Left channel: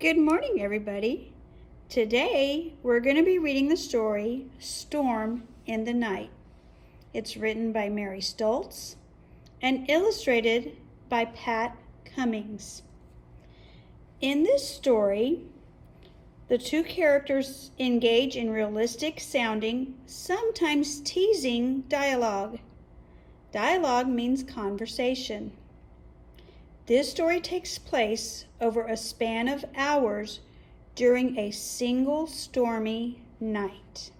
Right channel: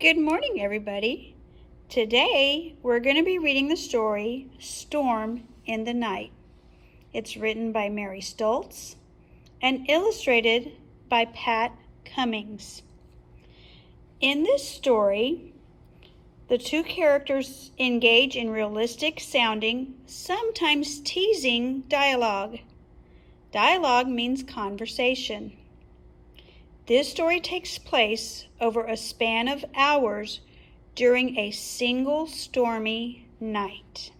Good morning, everybody. Today, we're going to be reading the story, Storm in the Night. It's written by Mary Stoltz and illustrated by Pat Cummings. In this story, the two characters engage in realistic sounding, sometimes teasing dialogue. Dialogue means conversation. This story takes place over a span of hours during a single stormy night.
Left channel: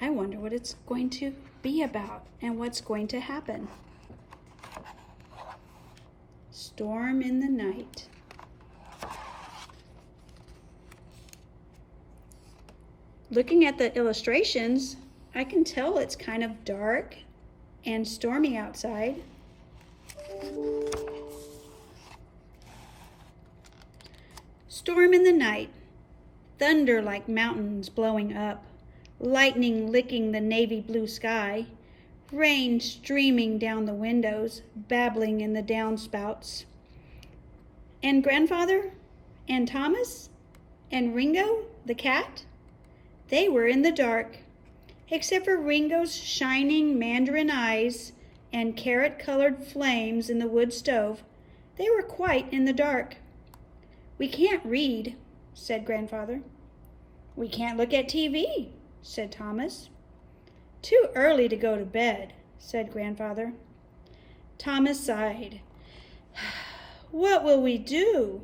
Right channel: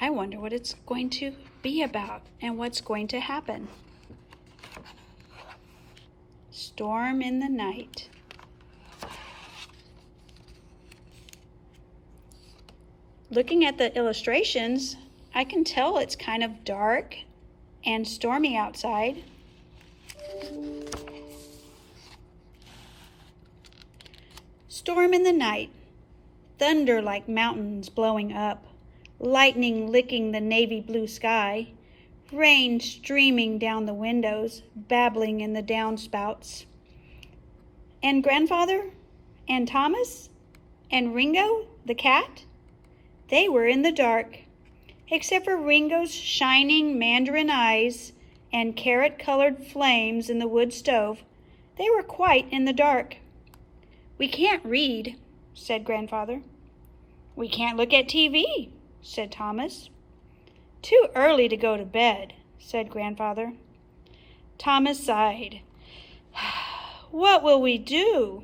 I wonder what it's going to be about and what's going to happen. Storm in the night. Looking at the illustrations, I can tell it's kind of dark and stormy outside. Storm in the night, thunder like mountains blowing up, lightning licking the navy blue sky, rain streaming down the windows, babbling in the downspouts. And Grandfather and Thomas and Ringo, the cat, they were in the dark, except for Ringo's shining mandarin eyes and carrot-colored flames in the wood stove. They were quite in the dark. "We can't read," said Grandfather. "We can't look at TV," said Thomas. "Too early to go to bed," said Grandfather. Thomas sighed. "What will we do?"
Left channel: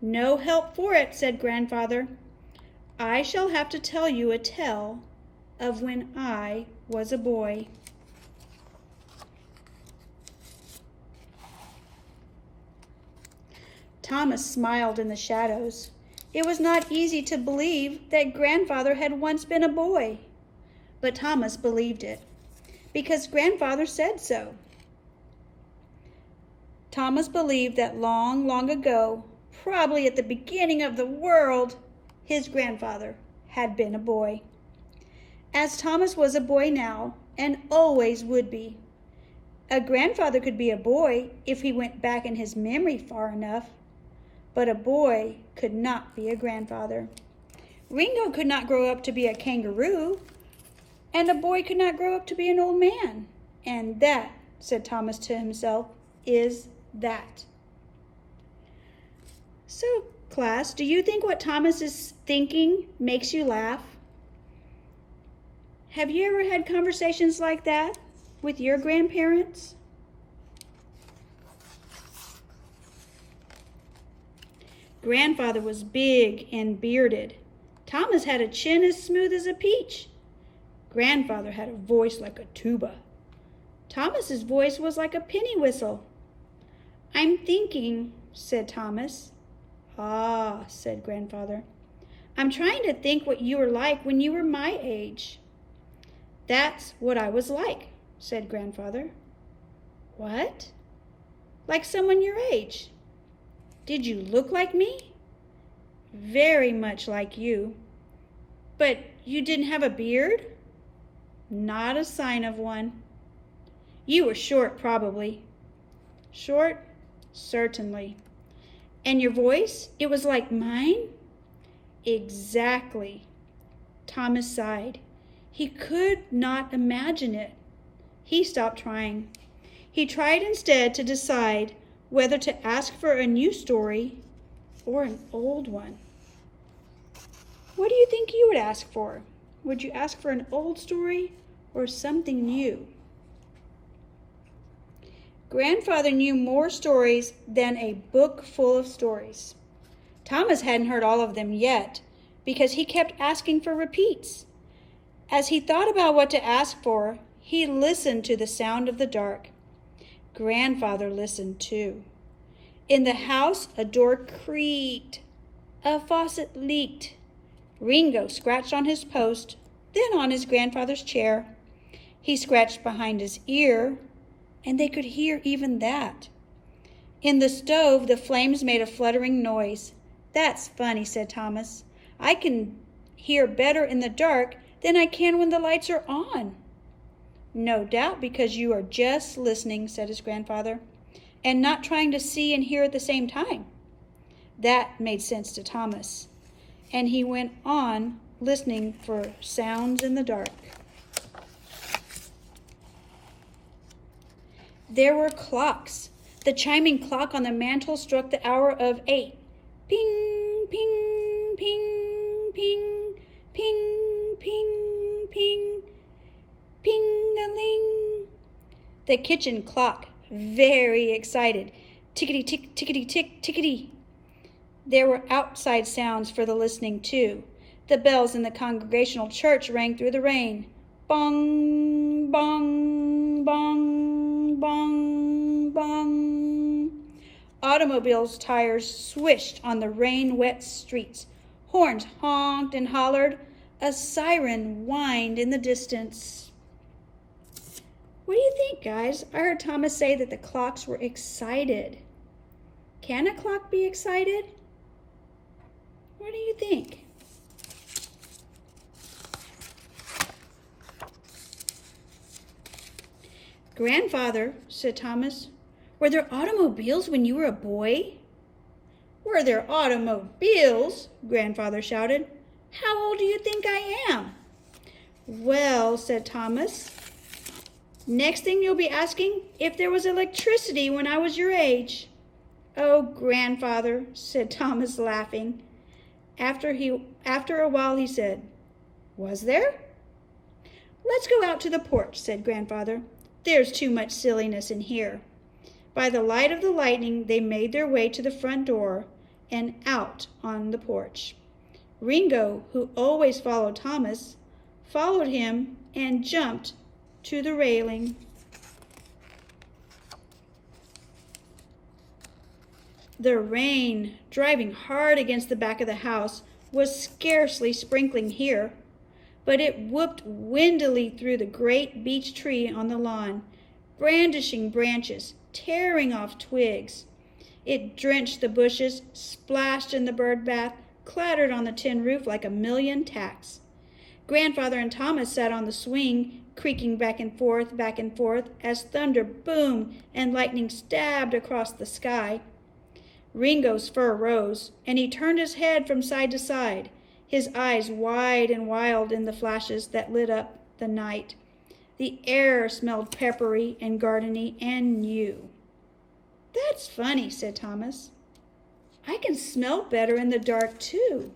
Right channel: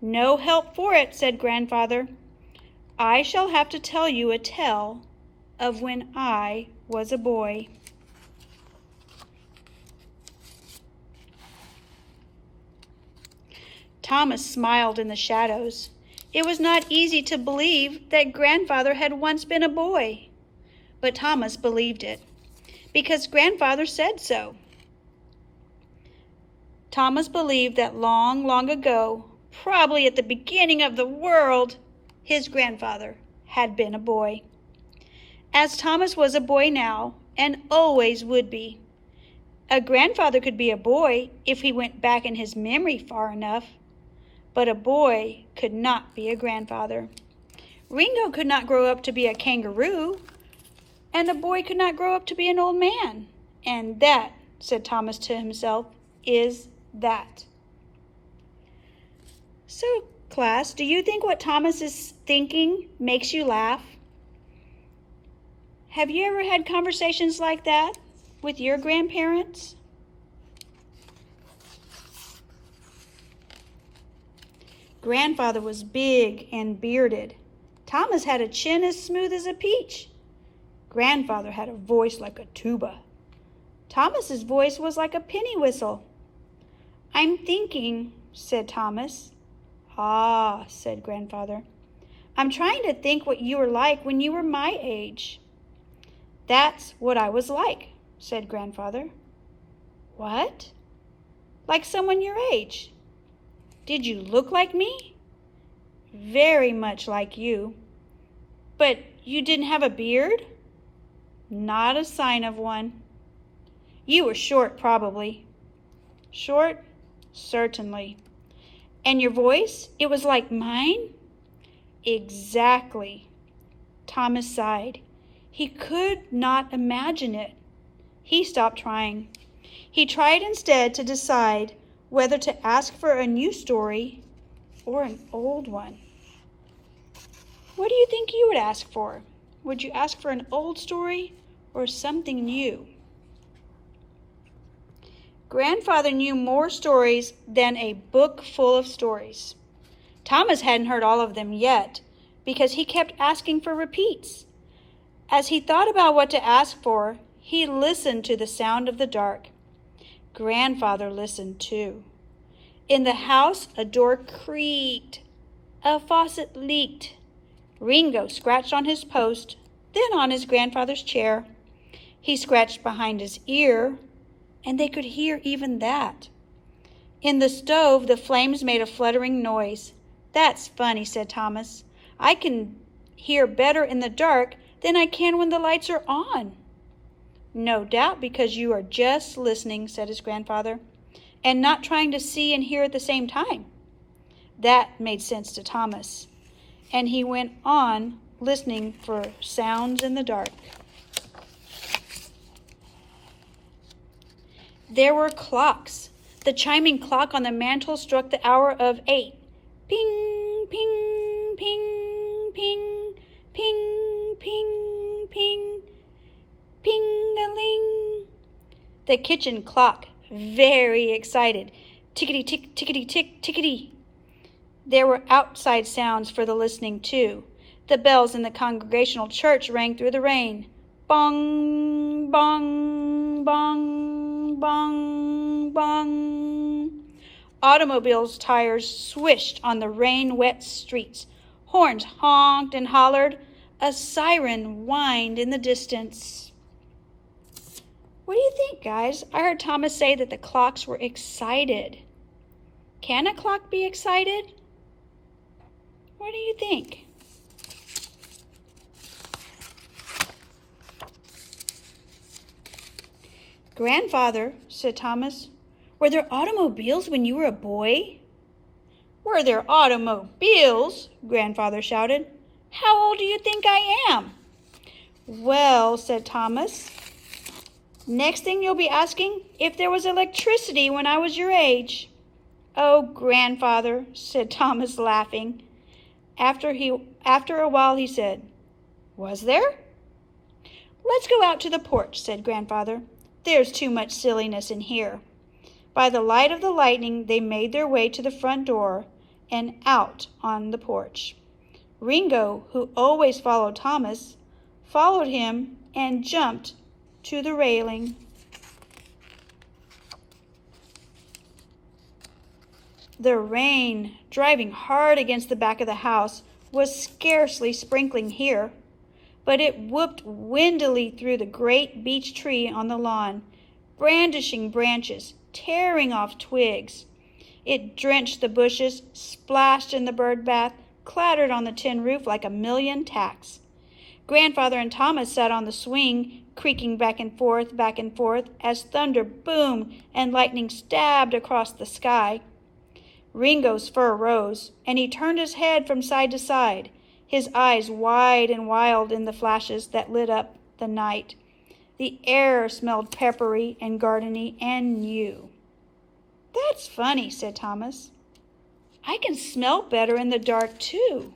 "No help for it," said Grandfather. "I shall have to tell you a tale of when I was a boy." Thomas smiled in the shadows. It was not easy to believe that Grandfather had once been a boy, but Thomas believed it because Grandfather said so. Thomas believed that long, long ago, probably at the beginning of the world, his grandfather had been a boy. As Thomas was a boy now and always would be. A grandfather could be a boy if he went back in his memory far enough. But a boy could not be a grandfather. Ringo could not grow up to be a kangaroo, and a boy could not grow up to be an old man. And that, said Thomas to himself, is that. So, class, do you think what Thomas is thinking makes you laugh? Have you ever had conversations like that with your grandparents? Grandfather was big and bearded. Thomas had a chin as smooth as a peach. Grandfather had a voice like a tuba. Thomas's voice was like a penny whistle. "I'm thinking," said Thomas. "Ah," said Grandfather. "I'm trying to think what you were like when you were my age." "That's what I was like," said Grandfather. "What?" "Like someone your age." "Did you look like me?" "Very much like you." "But you didn't have a beard?" "Not a sign of one." "You were short, probably." "Short? Certainly." "And your voice, it was like mine?" "Exactly." Thomas sighed. He could not imagine it. He stopped trying. He tried instead to decide whether to ask for a new story or an old one. What do you think you would ask for? Would you ask for an old story or something new? Grandfather knew more stories than a book full of stories. Thomas hadn't heard all of them yet because he kept asking for repeats. As he thought about what to ask for, he listened to the sound of the dark. Grandfather listened too. In the house, a door creaked. A faucet leaked. Ringo scratched on his post, then on his grandfather's chair. He scratched behind his ear, and they could hear even that. In the stove, the flames made a fluttering noise. "That's funny," said Thomas. "I can hear better in the dark than I can when the lights are on." "No doubt because you are just listening," said his grandfather, "and not trying to see and hear at the same time. That made sense to Thomas, and he went on listening for sounds in the dark. There were clocks. The chiming clock on the mantel struck the hour of 8. Ping, ping, ping, ping, ping, ping, ping, ping-a-ling. The kitchen clock, very excited. Tickety-tick, tickety-tick, tickety. There were outside sounds for the listening, too. The bells in the Congregational church rang through the rain. Bong, bong, bong, bong, bong. Automobiles' tires swished on the rain-wet streets. Horns honked and hollered. A siren whined in the distance. What do you think, guys? I heard Thomas say that the clocks were excited. Can a clock be excited? What do you think? Grandfather, said Thomas, were there automobiles when you were a boy? Were there automobiles? Grandfather shouted. How old do you think I am? Well, said Thomas, next thing you'll be asking if there was electricity when I was your age. Oh, Grandfather, said Thomas, laughing. After a while he said, was there? Let's go out to the porch, said Grandfather. There's too much silliness in here. By the light of the lightning, they made their way to the front door and out on the porch. Ringo, who always followed Thomas, followed him and jumped to the railing. The rain, driving hard against the back of the house, was scarcely sprinkling here, but it whooped windily through the great beech tree on the lawn, brandishing branches, tearing off twigs. It drenched the bushes, splashed in the bird bath, clattered on the tin roof like a million tacks. Grandfather and Thomas sat on the swing, creaking back and forth, as thunder boomed and lightning stabbed across the sky. Ringo's fur rose, and he turned his head from side to side, his eyes wide and wild in the flashes that lit up the night. The air smelled peppery and gardeny and new. That's funny, said Thomas. I can smell better in the dark, too.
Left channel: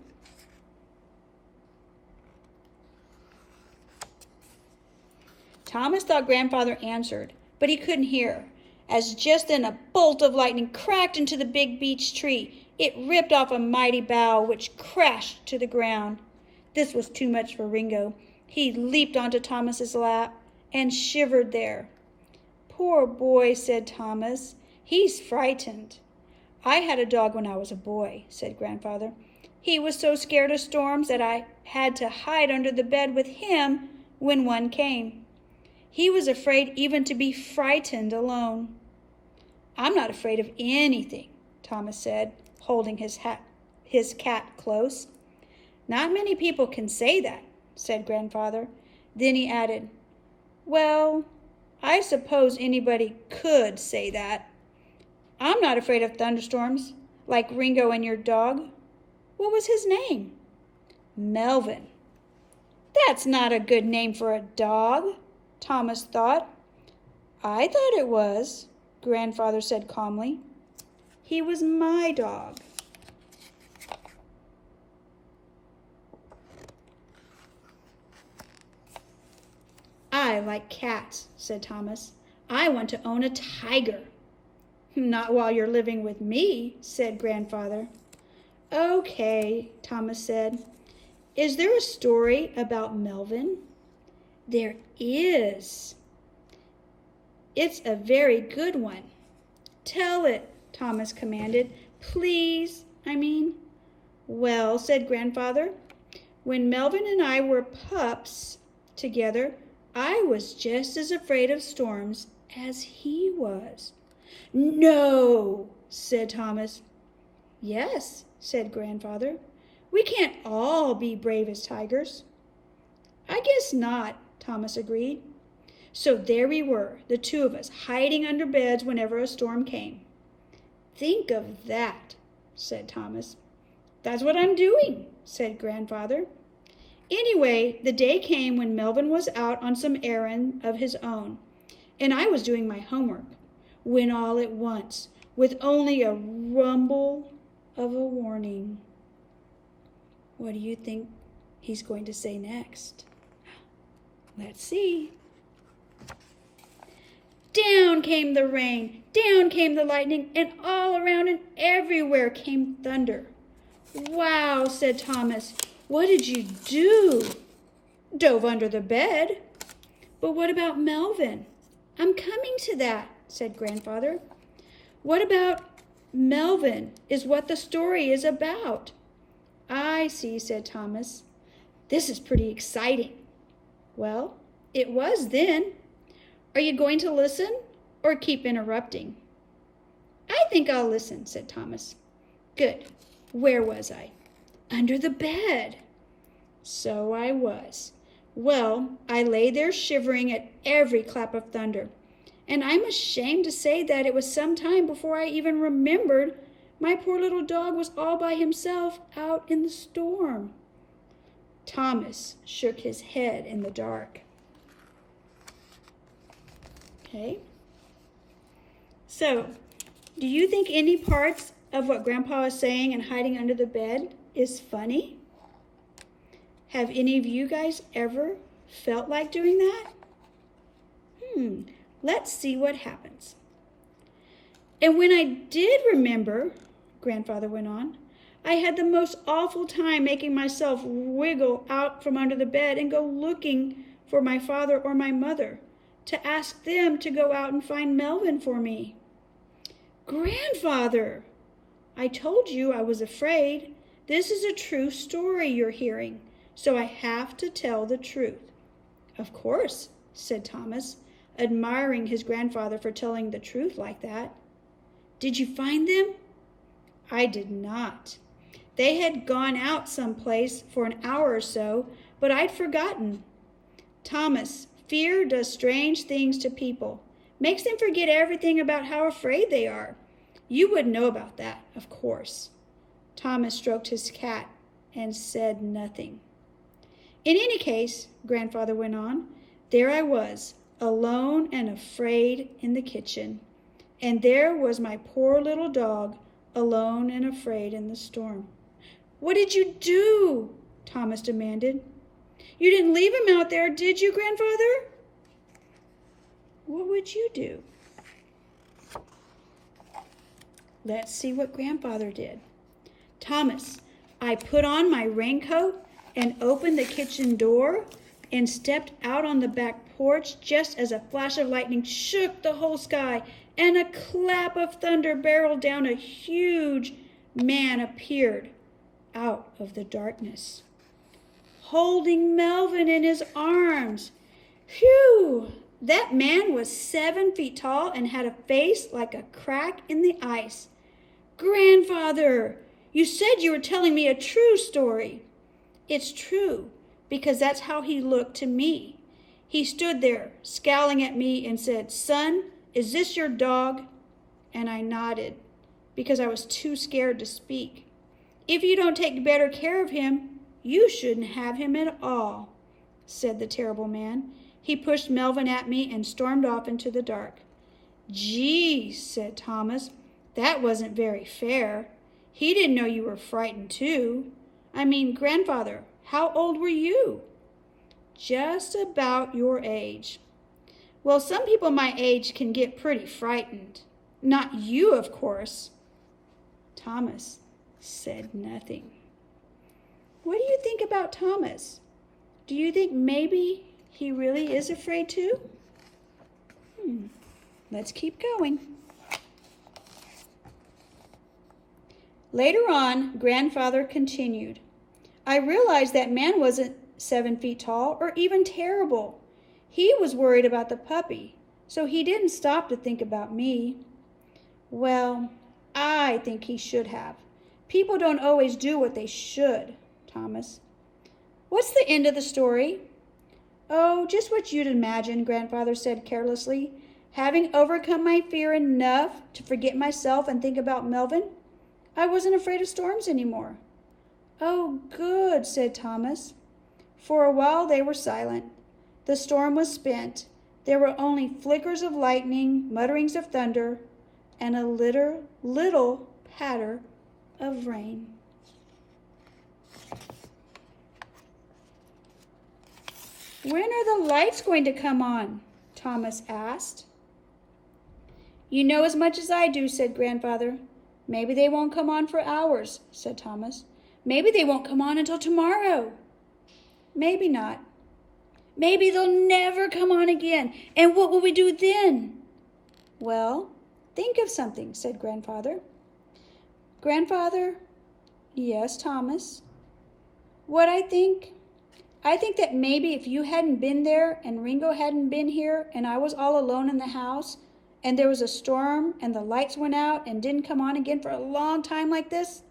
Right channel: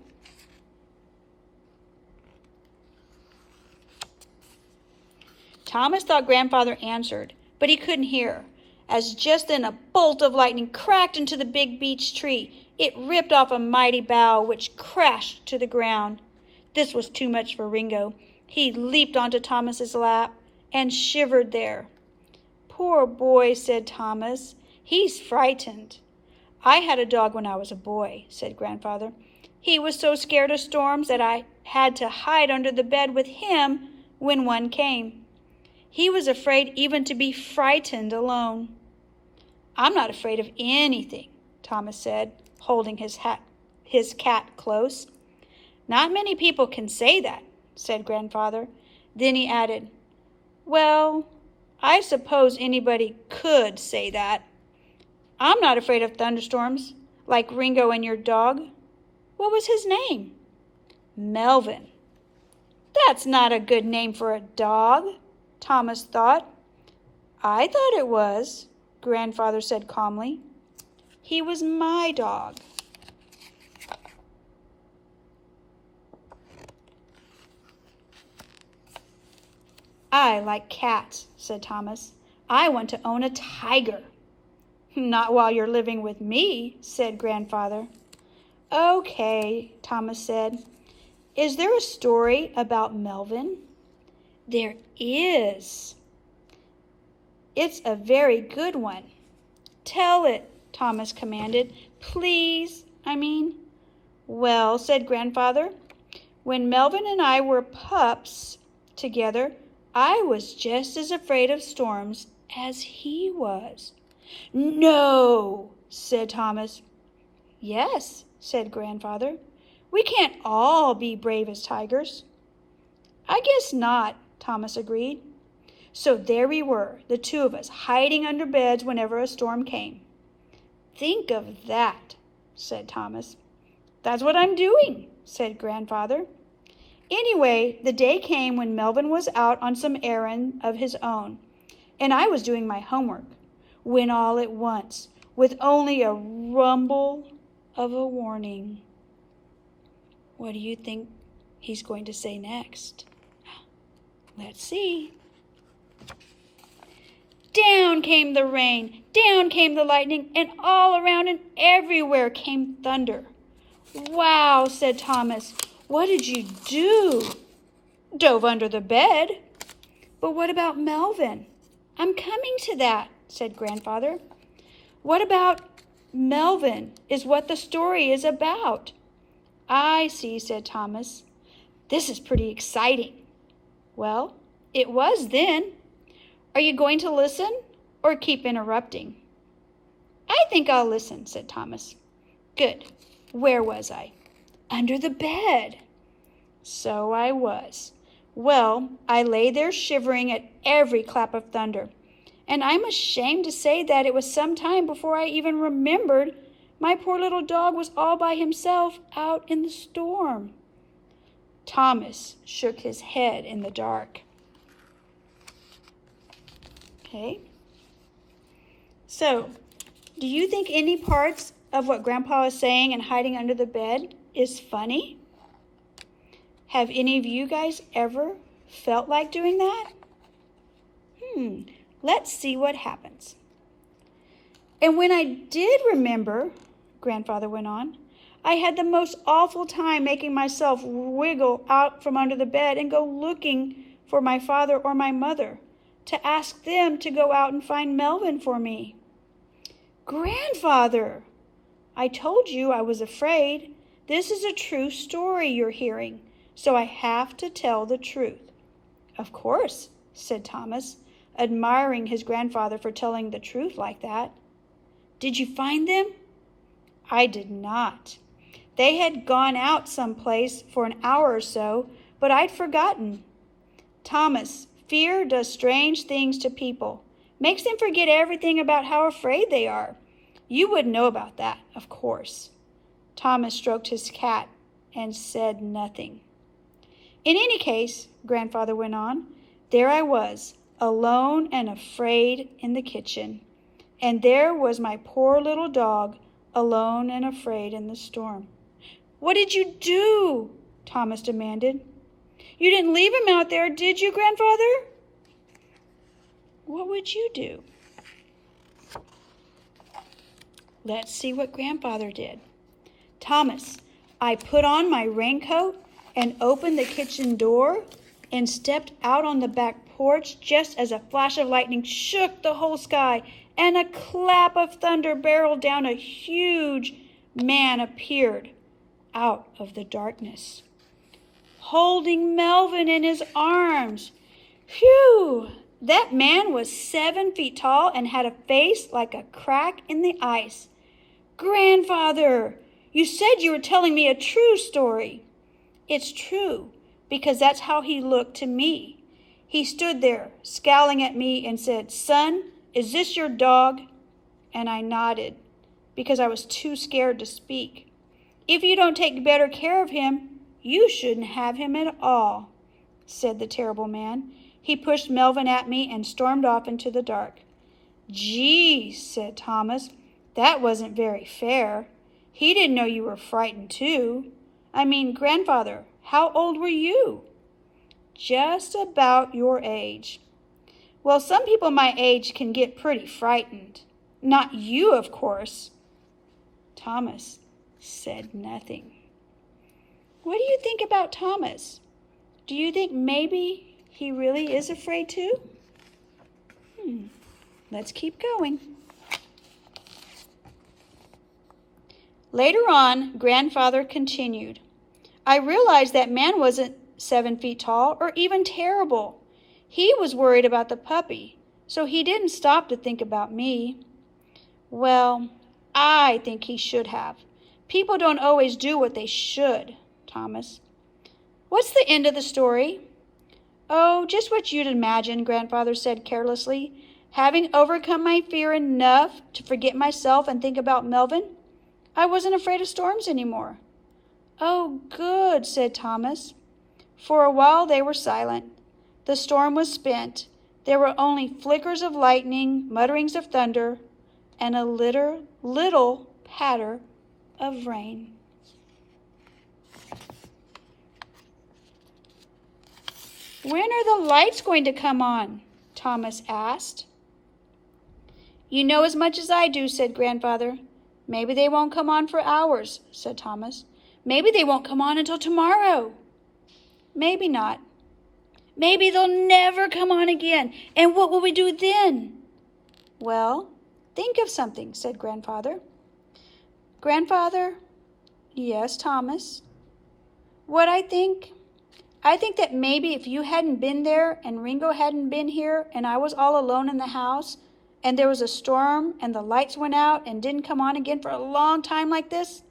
Thomas thought Grandfather answered, but he couldn't hear, as just then a bolt of lightning cracked into the big beech tree. It ripped off a mighty bough, which crashed to the ground. This was too much for Ringo. He leaped onto Thomas's lap and shivered there. Poor boy, said Thomas. He's frightened. I had a dog when I was a boy, said Grandfather. He was so scared of storms that I had to hide under the bed with him when one came. He was afraid even to be frightened alone. I'm not afraid of anything, Thomas said, holding his cat close. Not many people can say that, said Grandfather. Then he added, well, I suppose anybody could say that. I'm not afraid of thunderstorms, like Ringo and your dog. What was his name? Melvin. That's not a good name for a dog, Thomas thought. I thought it was, Grandfather said calmly. He was my dog. I like cats, said Thomas. I want to own a tiger. Not while you're living with me, said Grandfather. Okay, Thomas said. Is there a story about Melvin? There is. It's a very good one. Tell it, Thomas commanded. Please, I mean. Well, said Grandfather, when Melvin and I were pups together, I was just as afraid of storms as he was. No, said Thomas. Yes, said Grandfather. We can't all be brave as tigers. I guess not, Thomas agreed. So there we were, the two of us, hiding under beds whenever a storm came. Think of that. said Thomas. That's what I'm doing, said Grandfather. Anyway, the day came when Melvin was out on some errand of his own, and I was doing my homework, when all at once, with only a rumble of a warning. What do you think he's going to say next? Let's see. Down came the rain, down came the lightning, and all around and everywhere came thunder. Wow, said Thomas. What did you do? Dove under the bed. But what about Melvin? I'm coming to that, said Grandfather. What about Melvin is what the story is about. I see, said Thomas. This is pretty exciting. Well, it was then. Are you going to listen or keep interrupting? I think I'll listen, said Thomas. Good. Where was I? Under the bed. So I was. Well, I lay there shivering at every clap of thunder, and I'm ashamed to say that it was some time before I even remembered my poor little dog was all by himself out in the storm. Thomas shook his head in the dark. Okay. So, do you think any parts of what Grandpa is saying and hiding under the bed is funny? Have any of you guys ever felt like doing that? Let's see what happens. And when I did remember, Grandfather went on, I had the most awful time making myself wiggle out from under the bed and go looking for my father or my mother to ask them to go out and find Melvin for me. Grandfather, I told you I was afraid. This is a true story you're hearing, so I have to tell the truth. Of course, said Thomas, admiring his grandfather for telling the truth like that. Did you find them? I did not. They had gone out someplace for an hour or so, but I'd forgotten. Thomas, fear does strange things to people, makes them forget everything about how afraid they are. You wouldn't know about that, of course. Thomas stroked his cat and said nothing. In any case, Grandfather went on, there I was, alone and afraid in the kitchen. And there was my poor little dog, alone and afraid in the storm. What did you do? Thomas demanded. You didn't leave him out there, did you, Grandfather? What would you do? Let's see what Grandfather did. Thomas, I put on my raincoat and opened the kitchen door and stepped out on the back porch just as a flash of lightning shook the whole sky and a clap of thunder barreled down. A huge man appeared out of the darkness, holding Melvin in his arms. Phew! That man was 7 feet tall and had a face like a crack in the ice. Grandfather, you said you were telling me a true story. It's true, because that's how he looked to me. He stood there, scowling at me, and said, Son, is this your dog? And I nodded, because I was too scared to speak. If you don't take better care of him, you shouldn't have him at all, said the terrible man. He pushed Melvin at me and stormed off into the dark. Gee, said Thomas, that wasn't very fair. He didn't know you were frightened too. I mean, Grandfather, how old were you? Just about your age. Well, some people my age can get pretty frightened. Not you, of course. Thomas said nothing. What do you think about Thomas? Do you think maybe he really is afraid too? Let's keep going. Later on, Grandfather continued. I realized that man wasn't 7 feet tall or even terrible. He was worried about the puppy, so he didn't stop to think about me. Well, I think he should have. People don't always do what they should, Thomas. What's the end of the story? Oh, just what you'd imagine, Grandfather said carelessly. Having overcome my fear enough to forget myself and think about Melvin, I wasn't afraid of storms anymore." "Oh, good," said Thomas. For a while they were silent. The storm was spent. There were only flickers of lightning, mutterings of thunder, and a little patter of rain. "When are the lights going to come on?" Thomas asked. "You know as much as I do," said Grandfather. "Maybe they won't come on for hours," said Thomas. "Maybe they won't come on until tomorrow." "Maybe not." "Maybe they'll never come on again. And what will we do then?" "Well, think of something," said Grandfather. "Grandfather." "Yes, Thomas." "What I think that maybe if you hadn't been there and Ringo hadn't been here and I was all alone in the house and there was a storm and the lights went out and didn't come on again for a long time like this,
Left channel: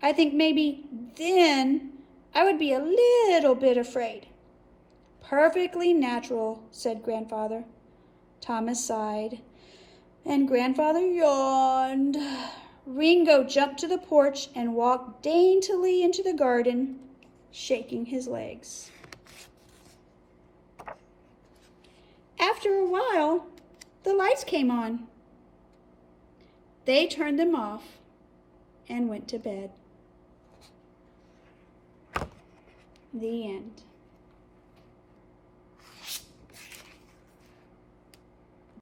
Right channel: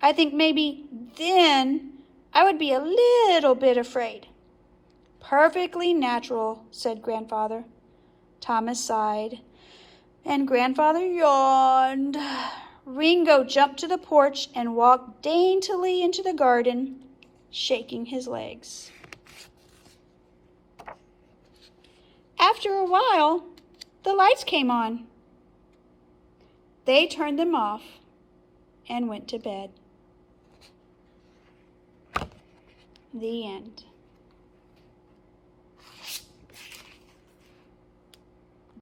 I think maybe then I would be a little bit afraid." "Perfectly natural," said Grandfather. Thomas sighed, and Grandfather yawned. Ringo jumped to the porch and walked daintily into the garden, shaking his legs. After a while, the lights came on. They turned them off and went to bed. The end.